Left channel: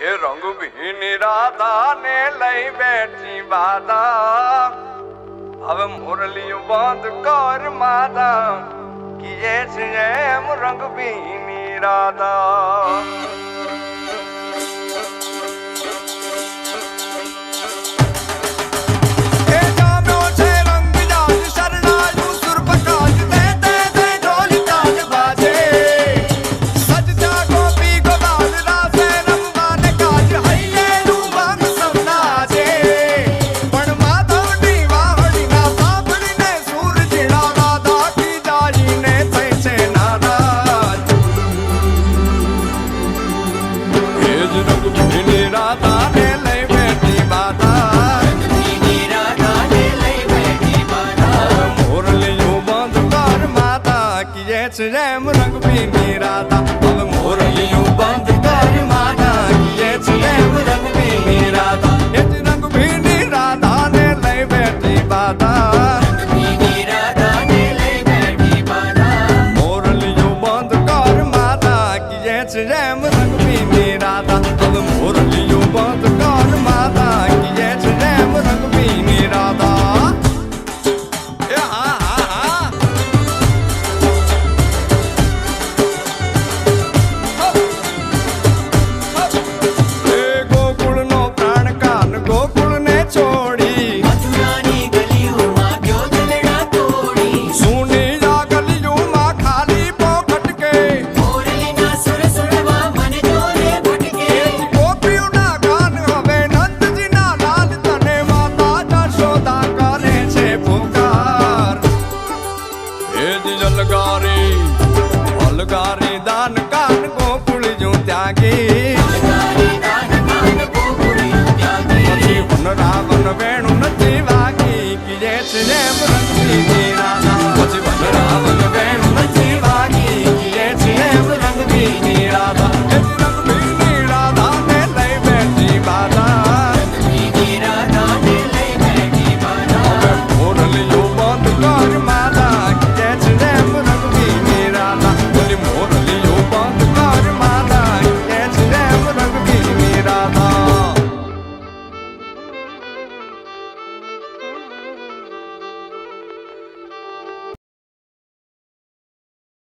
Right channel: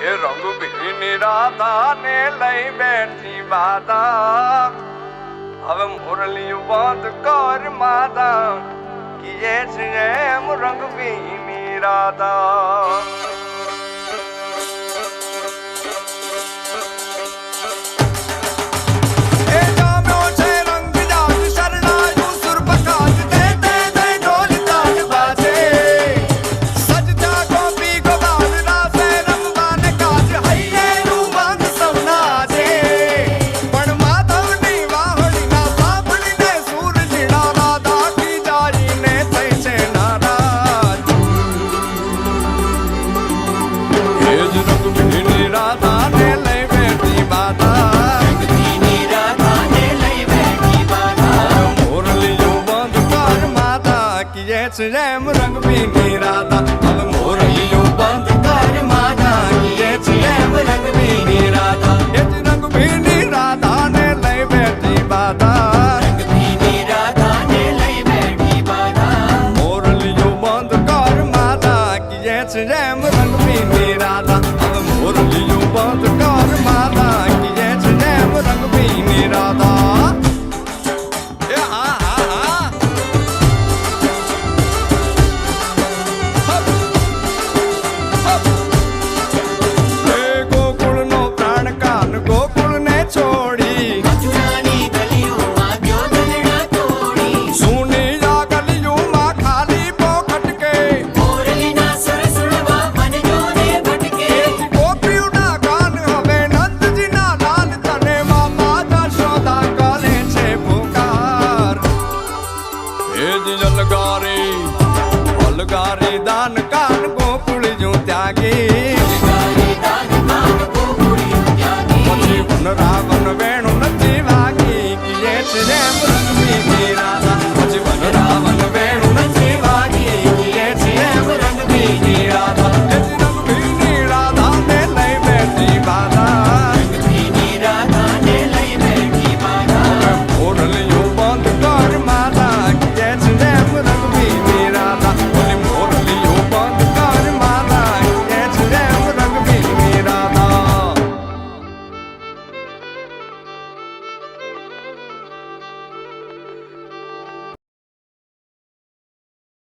એ રંગ ભીની રાધા ને લઈ બેઠી બાધા હવે મુરલિયું બંધ કર માતા કીએ છે એમ રંગ ભીની રાધા રંગ ભીની રાધા ને લઈ બેઠી બાધા મોરલિયું બંધ કર માતા કીએ છે એમ રંગ ભીની રાધા હવે મોરલિયું બંધ કર માતા કીએ છે એમ રંગ ભીની રાધા એ જ રંગ ભીની રાધા ને લઈ બેઠી બાધા મોરલિયું બંધ કર માતા કીએ છે એમ રંગ ભીની રાધા હવે મોરલિયું બંધ કર માતા કીએ છે એમ રંગ ભીની રાધા એ હા હા હા એ ગોકુળ નો પ્રાણ કાન ગોકુળ ને છોડી મથુરાની ગલીઓમાં ગયો દલડા તોડી સુની આ ગલીઓમાં ખાલી પોખટ કે મોરલીના સુર સુરવા મન જોને ભટકે ગોપીઓના કાન હવે નંદજીના લાલ તને માતા જશોદા કરે છે પુકાર એ જ અલગારી દાન કાન ગોકુળ જો ત્યાગી પછી વન રાવણ વેણું નથી વાગી કીએ છે જેમ રંગ ભીની રાધા પછી વન રાવણ વેણું નથી વાગી કીએ છે જેમ રંગ ભીની રાધા એ જ રંગ ભીની રાધા ને લઈ બેઠી બાધા હવે મોરલિયું બંધ કર